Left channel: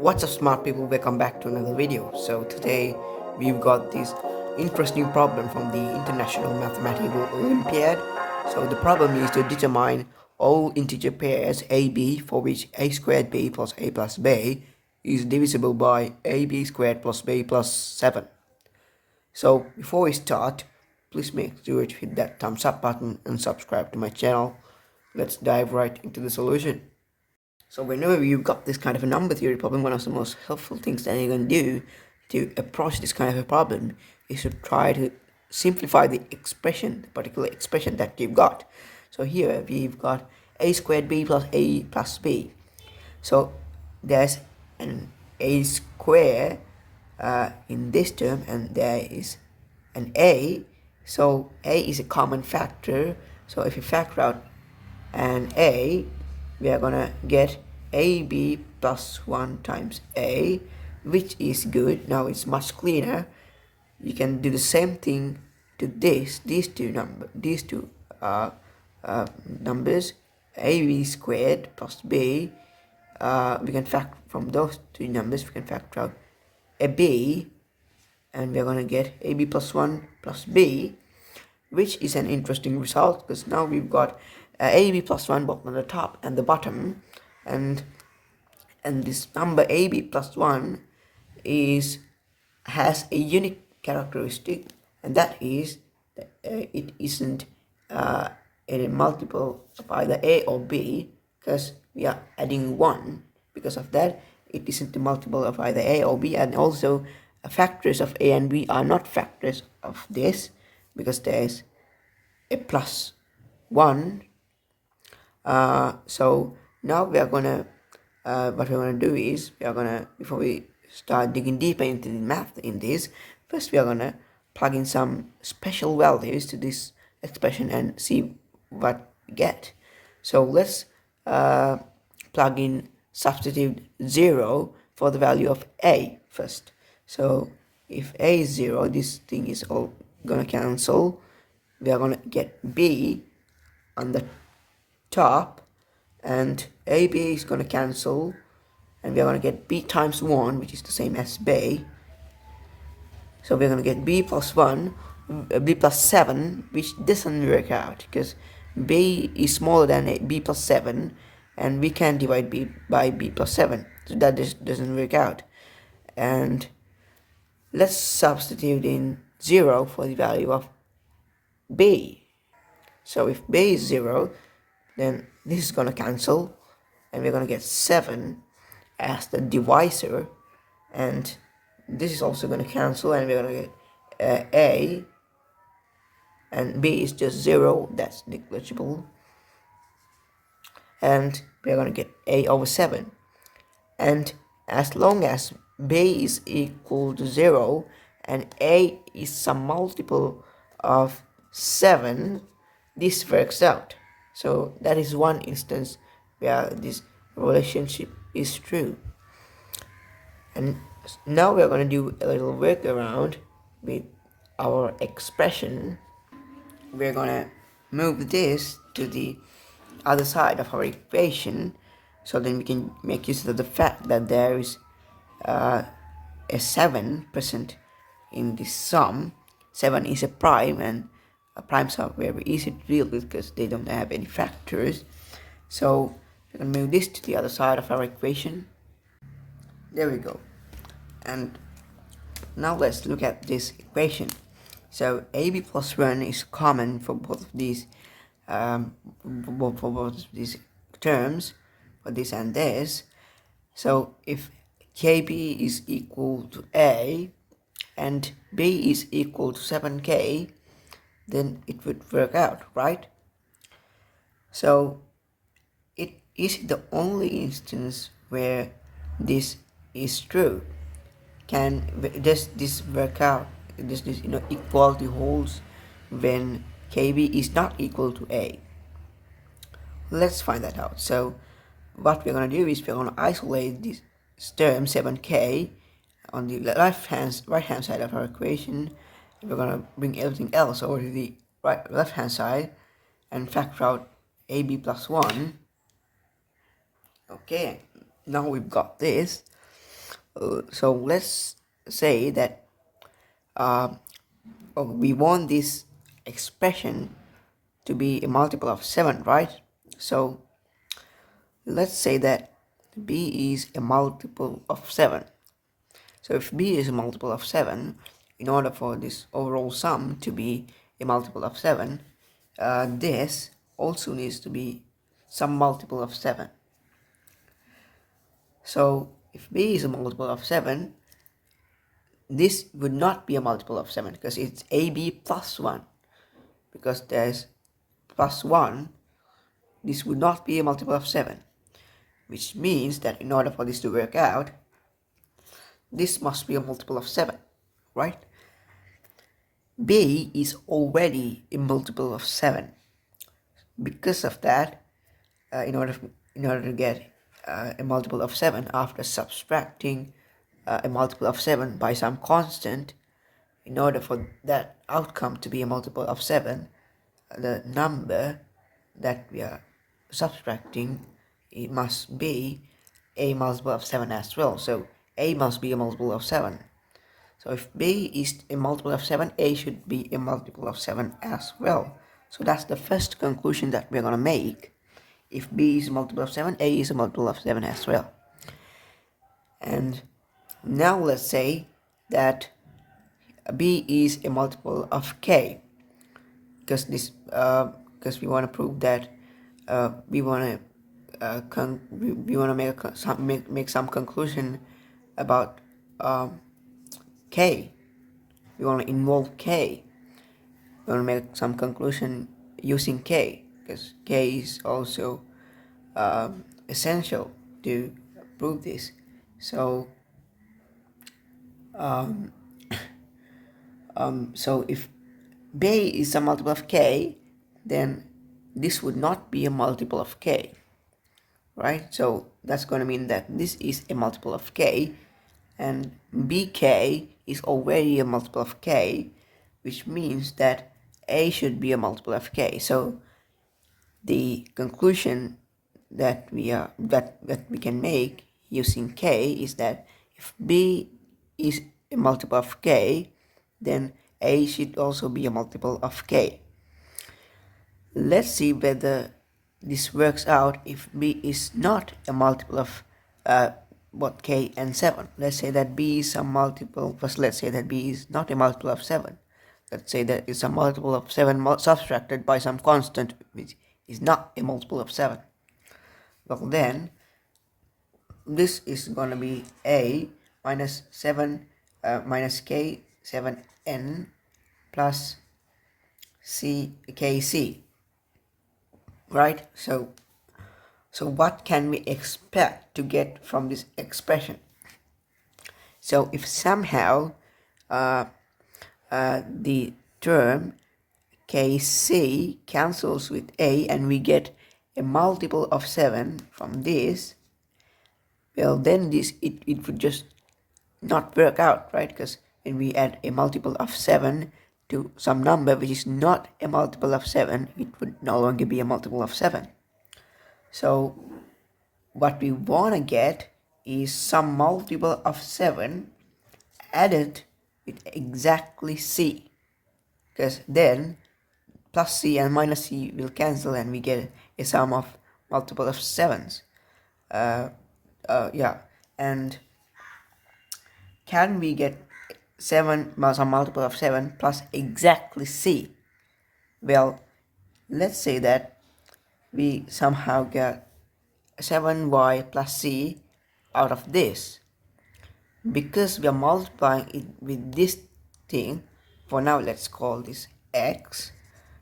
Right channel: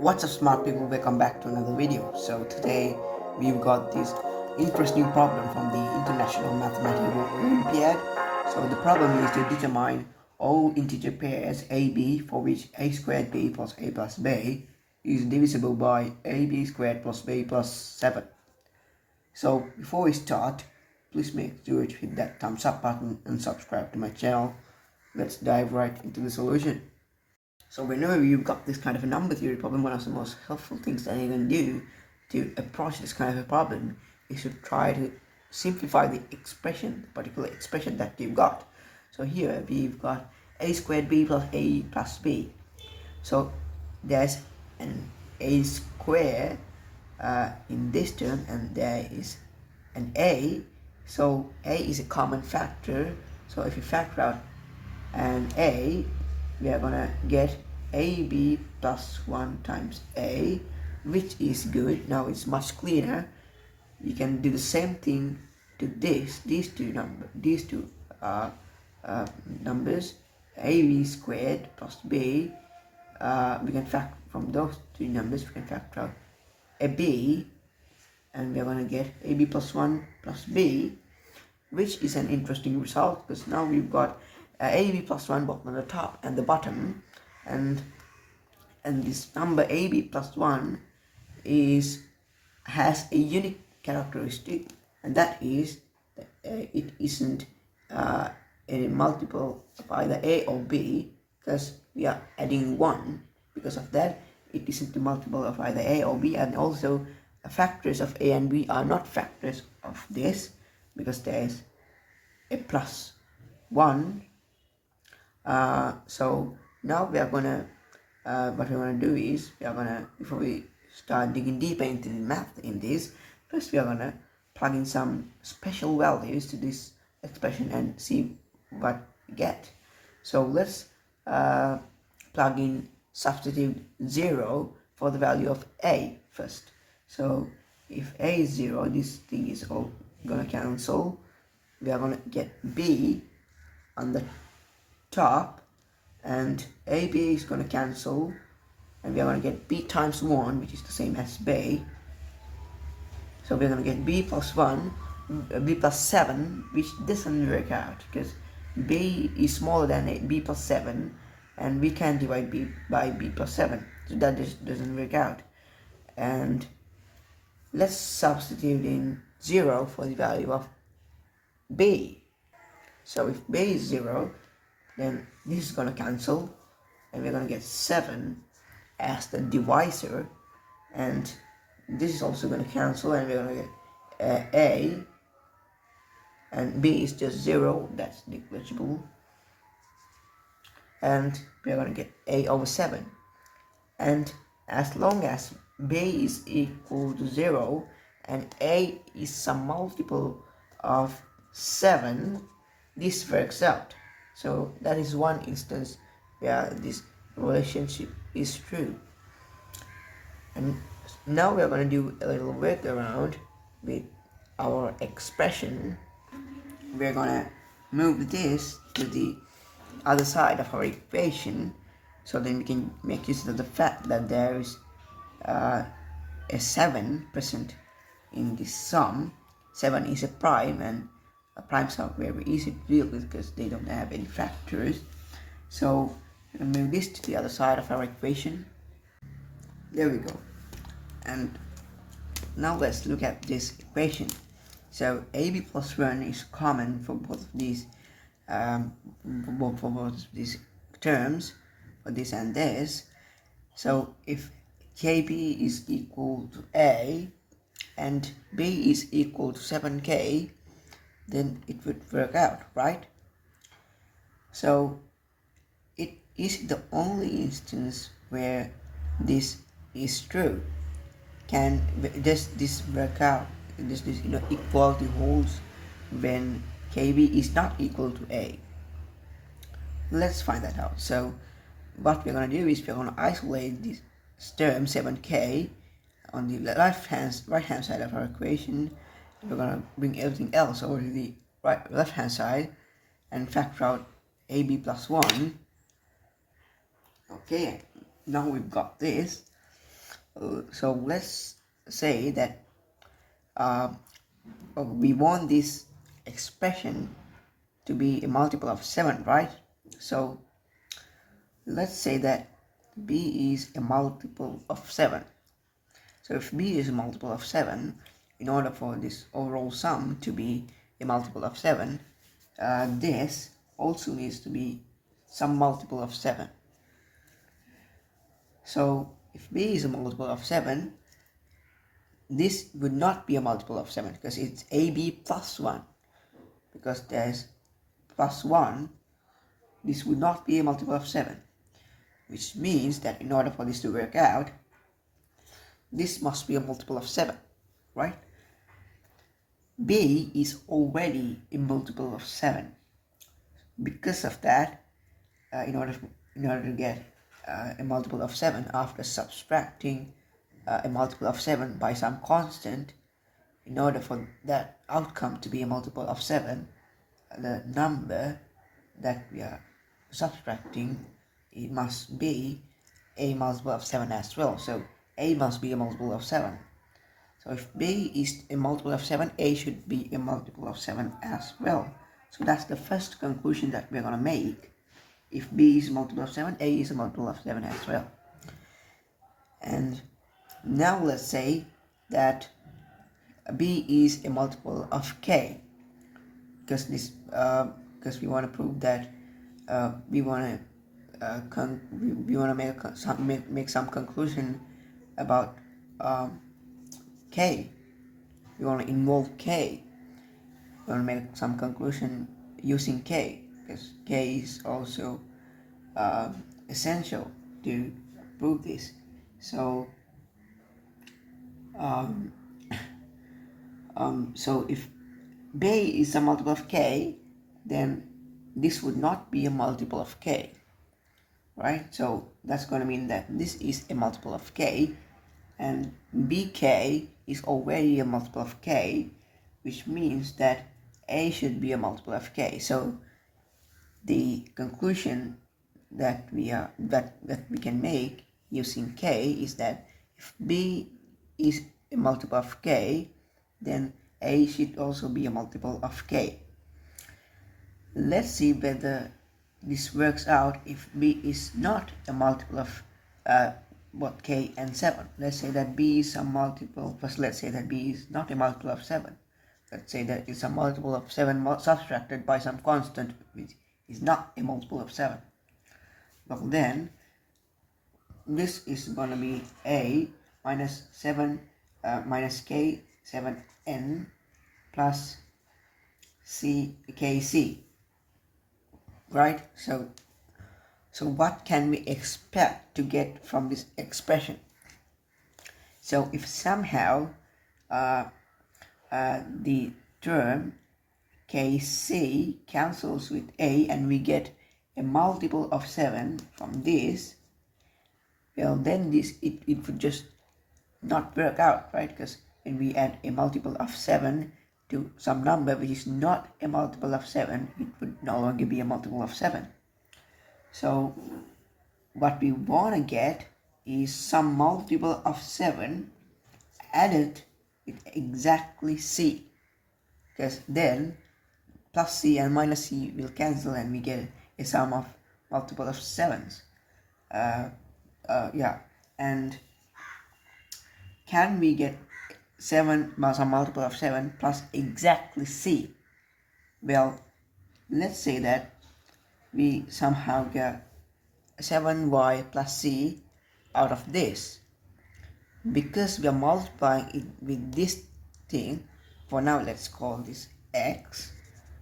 What's up, smart people? Welcome back to another video. So today we've got this interesting problem from the International Mathematical Olympiyad. So the problem is to determine all integer pairs AB for which a squared b plus a plus b is divisible by ab squared plus b plus 7. So before we start, please make sure to hit that thumbs up button and subscribe to my channel. Let's dive right into the solution. So whenever you've got this kind of a number theory problem, one of the most helpful things that you can do to approach this kind of a problem is to try to simplify the expression, the particular expression that you've got. So here we've got a squared b plus a plus b. So there's an a square in this term, and there is an a. So a is a common factor. So if you factor out an a, we are gonna get ab plus 1 times a, which is good. Now it's much cleaner. You can do the same thing to these two numbers, ab squared plus b. We can factor from those two numbers, we can factor out a b, and we're gonna get ab plus 1 plus b, which is an interesting result because now we've got ab plus 1 both on the top and the bottom, and this number ab plus 1 has a unique characteristic, and that is that it isn't a multiple of either a or b, because we are adding 1. Because of that, it isn't a multiple of either a or b, and also factors of a and b are not factors of this because there is a plus 1. So now we are gonna what we're gonna do is, we are gonna, before we start digging deeper into the math in this, first we are gonna plug in some special values to this expression and see what we get. So let's plug in, substitute 0 for the value of a first. So if a is 0, this thing is all gonna cancel. We are gonna get b on the top, and ab is going to cancel, and we're going to get b times 1, which is the same as b. So we're going to get b plus 1, b plus 7, which doesn't work out because b is smaller than b plus 7, and we can't divide b by b plus 7, so that just doesn't work out. And let's substitute in 0 for the value of b. So if b is 0, then this is going to cancel, and we're going to get 7 as the divisor, and this is also going to cancel, and we're going to get a, and b is just 0, that's negligible, and we're going to get a over 7. And as long as b is equal to 0 and a is some multiple of 7, this works out. So that is one instance where this relationship is true. And now we are going to do a little workaround with our expression. We're going to move this to the other side of our equation, so then we can make use of the fact that there is a 7% in this sum. 7 is a prime, and primes are very easy to deal with because they don't have any factors. So we can move this to the other side of our equation. There we go. And now let's look at this equation. So ab plus 1 is common for both of these terms, for this and this. So if kb is equal to a and b is equal to 7k, then it would work out, right? So it is the only instance where this is true. Does this work out? Does this equality holds when kb is not equal to a? Let's find that out. So what we're going to do is we're going to isolate this term 7k on the right hand side of our equation. We're going to bring everything else over to the left hand side and factor out ab plus 1. Okay, now we've got this. So let's say that we want this expression to be a multiple of 7, right? So let's say that b is a multiple of 7. So if b is a multiple of 7, in order for this overall sum to be a multiple of 7, this also needs to be some multiple of 7. So if b is a multiple of 7, this would not be a multiple of 7 because it's ab plus 1. Because there's plus 1, this would not be a multiple of 7. Which means that in order for this to work out, this must be a multiple of 7, right? B is already a multiple of 7. Because of that, in order to get a multiple of 7 after subtracting a multiple of 7 by some constant, in order for that outcome to be a multiple of 7, the number that we are subtracting, it must be a multiple of 7 as well. So a must be a multiple of 7. So if b is a multiple of 7, a should be a multiple of 7 as well. So that's the first conclusion that we're going to make. If b is a multiple of 7, a is a multiple of 7 as well. And now let's say that b is a multiple of k, because we want to prove that we want to make some conclusion about k. We want to involve k. We want to make some conclusion using k, because k is also essential to prove this. So so if b is a multiple of k, then this would not be a multiple of k, right? So that's going to mean that this is a multiple of k, and bk is already a multiple of k, which means that a should be a multiple of k. So the conclusion that we can make using k is that if b is a multiple of k, then a should also be a multiple of k. Let's see whether this works out if b is not a multiple of k and 7. Let's say that b is a multiple. First, let's say that b is not a multiple of 7. Let's say that it's a multiple of 7 subtracted by some constant which is not a multiple of 7. Well, then this is going to be a minus 7 minus k 7n plus kc, right? So what can we expect to get from this expression? So if somehow the term kc cancels with a and we get a multiple of 7 from this, well, then it would just not work out, right? Because when we add a multiple of 7 to some number which is not a multiple of 7, it would no longer be a multiple of 7. So what we want to get is some multiple of 7 added with exactly c, because then plus c and minus c will cancel and we get a sum of multiple of 7s. And can we get 7 some multiple of 7 plus exactly c? Well, let's say that we somehow get 7y plus c out of this. Because we are multiplying it with this thing, for now let's call this x.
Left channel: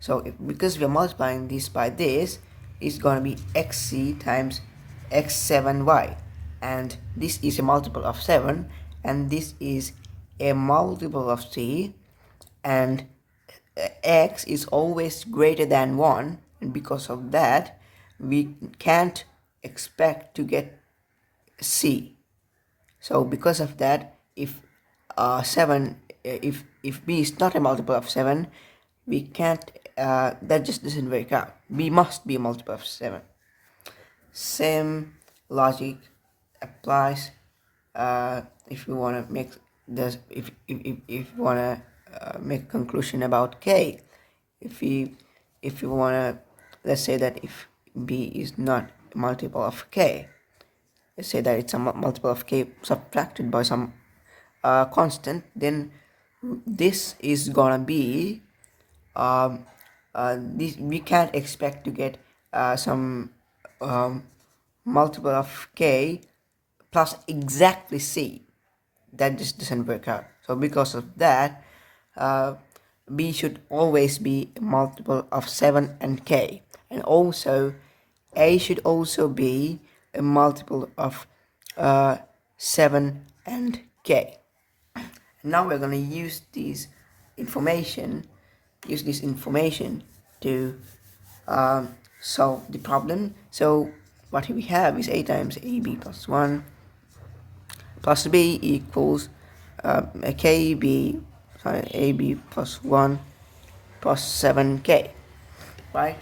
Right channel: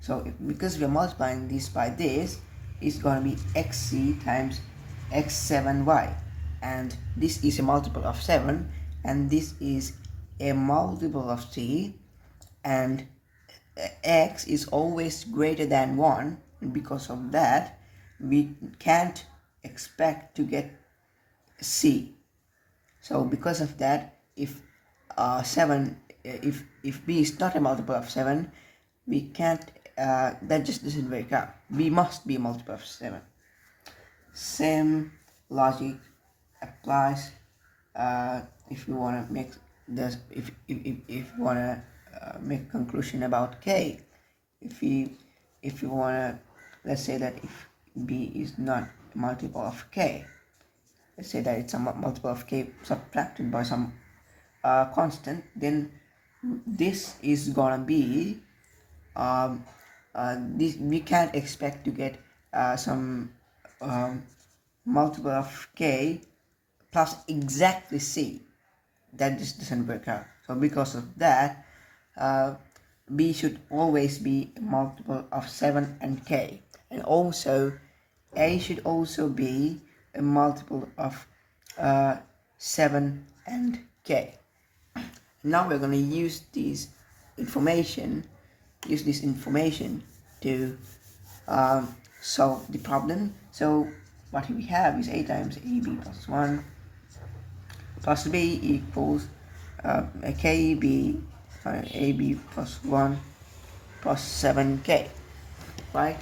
So because we are multiplying this by this, it's going to be xc times x7y, and this is a multiple of 7 and this is a multiple of c, and x is always greater than 1, and because of that we can't expect to get c. So because of that, if if b is not a multiple of 7, we can't that just doesn't work out. B must be a multiple of 7. Same logic applies if you want to make this, if you want to make a conclusion about k, if you want to, let's say that if b is not a multiple of k, let's say that it's a multiple of k subtracted by some constant, then this is gonna be this, we can't expect to get some multiple of k plus exactly c. That just doesn't work out. So because of that, b should always be a multiple of 7 and k, and also a should also be a multiple of 7 and k. Now we're going to use this information to solve the problem. So what we have is a times ab plus 1 plus b equals ab plus 1 plus 7k, right?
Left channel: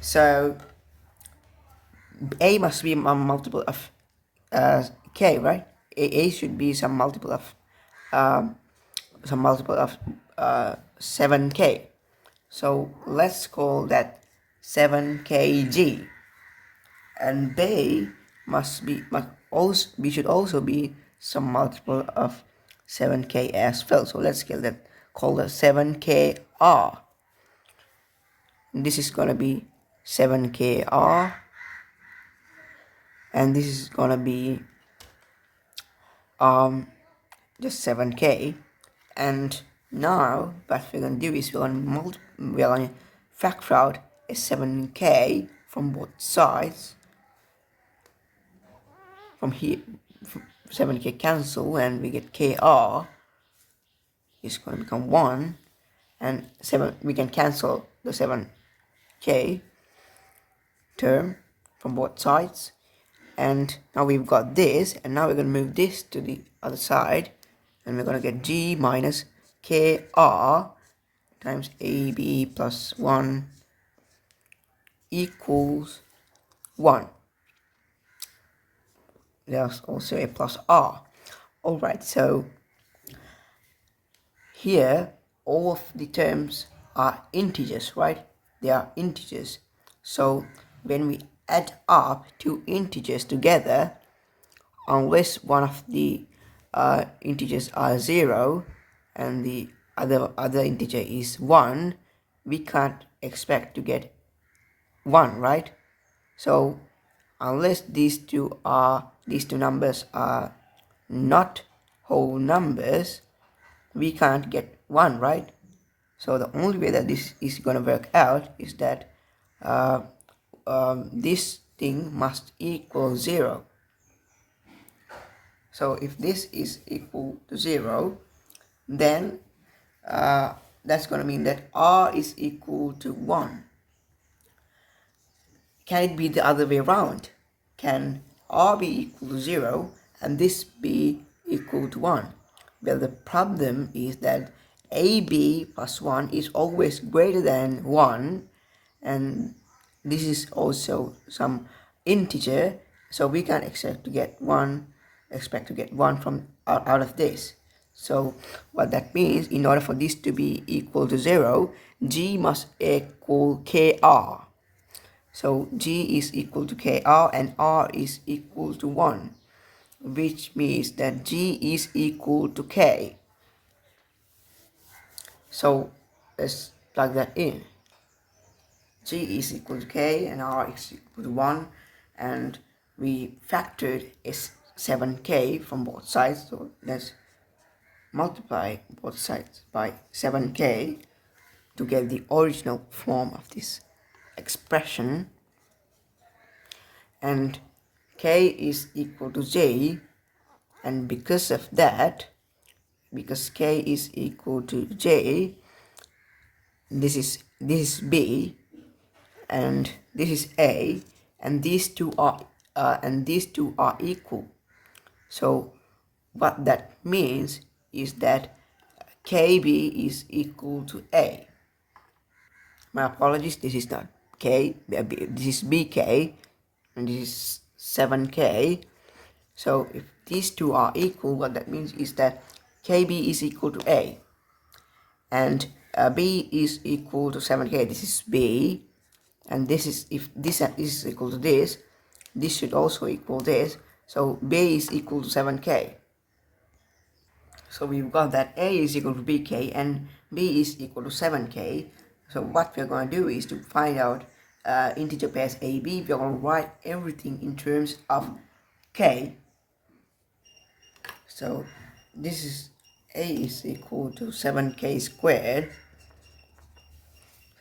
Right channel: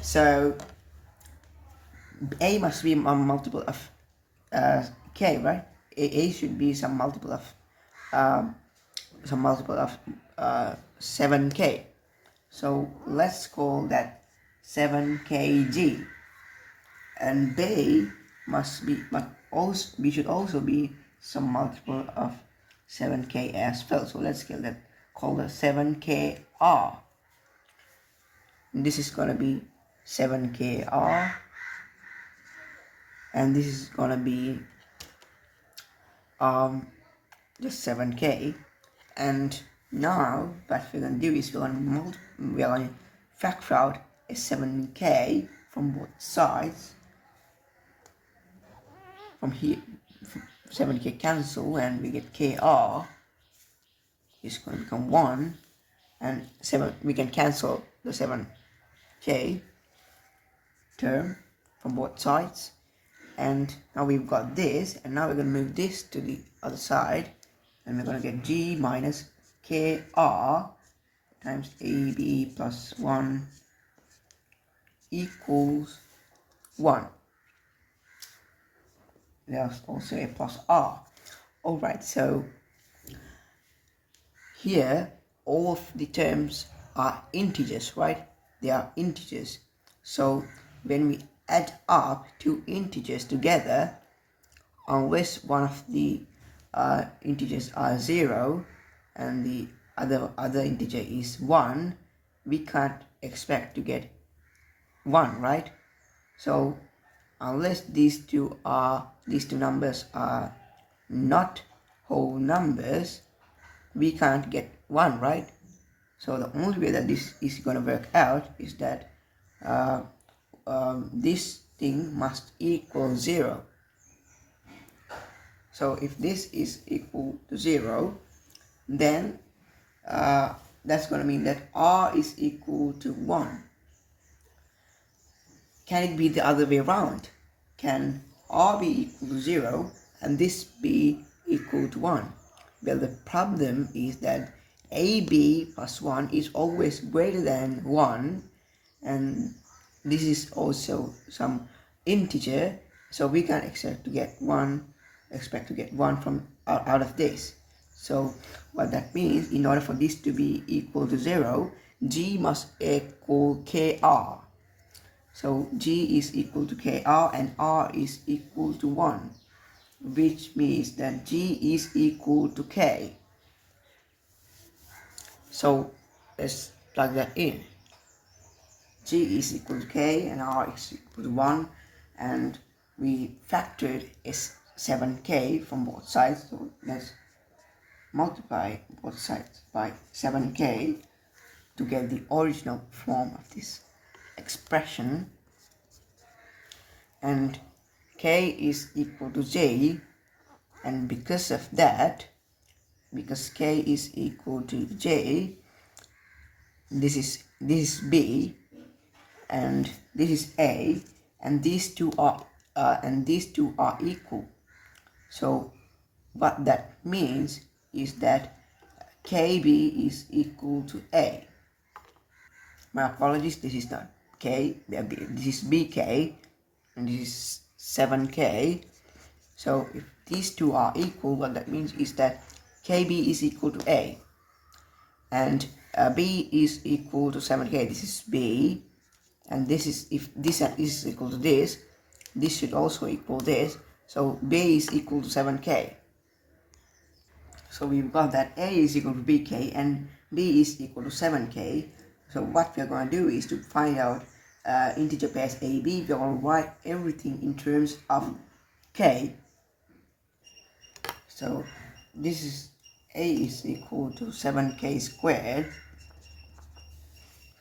So a must be a multiple of k, right? A should be some multiple of 7k. So let's call that 7kg. And b should also be some multiple of 7k as well. So let's call that 7kr. This is gonna be 7kr, and this is gonna be just 7k. And now what we're gonna do is we're gonna factor out a 7k from both sides. From here, 7k cancel, and we get kr is going to become 1, and 7, we can cancel the 7k term from both sides, and now we've got this, and now we're going to move this to the other side, and we're going to get g minus kr times ab plus 1 equals 1. There's also a plus r. Alright, so here all of the terms are integers, right? They are integers. So when we add up two integers together, unless one of the integers are 0 and the other integer is 1, we can't expect to get 1, right? So unless these two numbers are not whole numbers, we can't get 1, right? So the only way that this is going to work out is that this thing must equal 0. So if this is equal to 0, then that's going to mean that r is equal to 1. Can it be the other way around? Can r be equal to 0 and this be equal to 1? Well, the problem is that ab plus 1 is always greater than 1, and this is also some integer, so we can expect to get 1 from out of this. So what that means, in order for this to be equal to 0, g must equal kr. So g is equal to kr and r is equal to 1, which means that g is equal to k. So let's plug that in. G is equal to k and r is equal to 1, and we factored 7k from both sides, so let's multiply both sides by 7k to get the original form of this expression, and k is equal to j, and because of that, because k is equal to j, this is b and this is a, and these two are equal. So what that means is that kb is equal to a. My apologies, this is not k, this is bk, and this is 7k, So if these two are equal, what that means is that KB is equal to A, and B is equal to 7K. This is B, and this is, if this is equal to this should also equal this. So B is equal to 7K. So we've got that A is equal to BK and B is equal to 7K. So what we're going to do is to find out integer pairs AB. We're going to write everything in terms of K. So this is A is equal to 7K squared.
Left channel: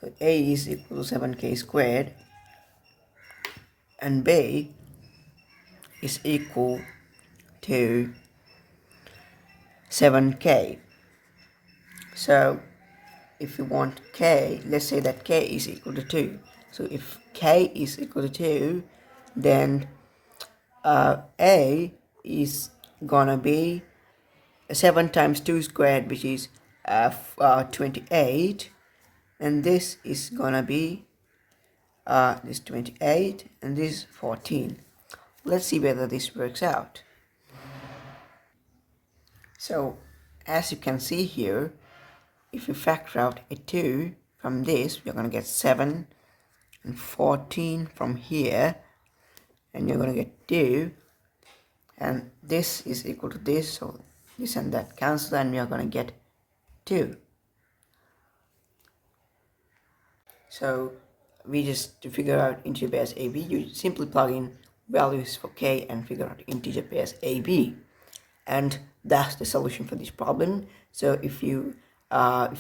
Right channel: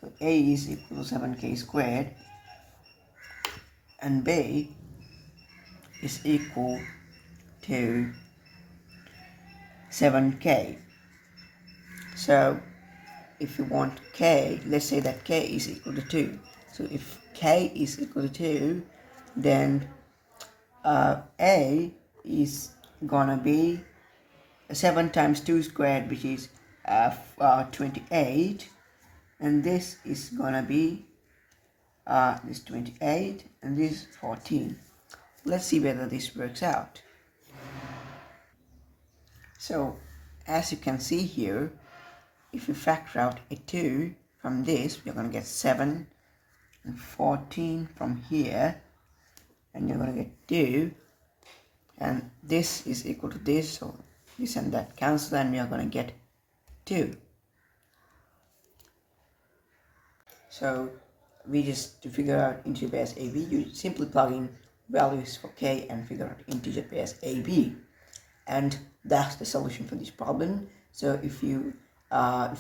So A is equal to 7K squared, and B is equal to 7K. So if you want K, let's say that K is equal to 2. So if K is equal to 2, then A is gonna be 7 times 2 squared, which is 28, and this is gonna be this 28 and this 14. Let's see whether this works out. So as you can see here, if you factor out a 2 from this, we're going to get 7, and 14 from here, and you're going to get 2, and this is equal to this, so this and that cancel, and we are going to get 2. So we just, to figure out integer pairs AB, you simply plug in values for K and figure out integer pairs AB, and that's the solution for this problem. So if you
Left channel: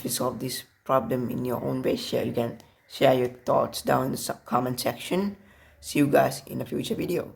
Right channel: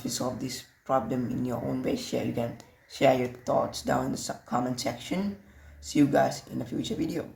solve this problem in your own way, you can share your thoughts down in the comment section. See you guys in a future video.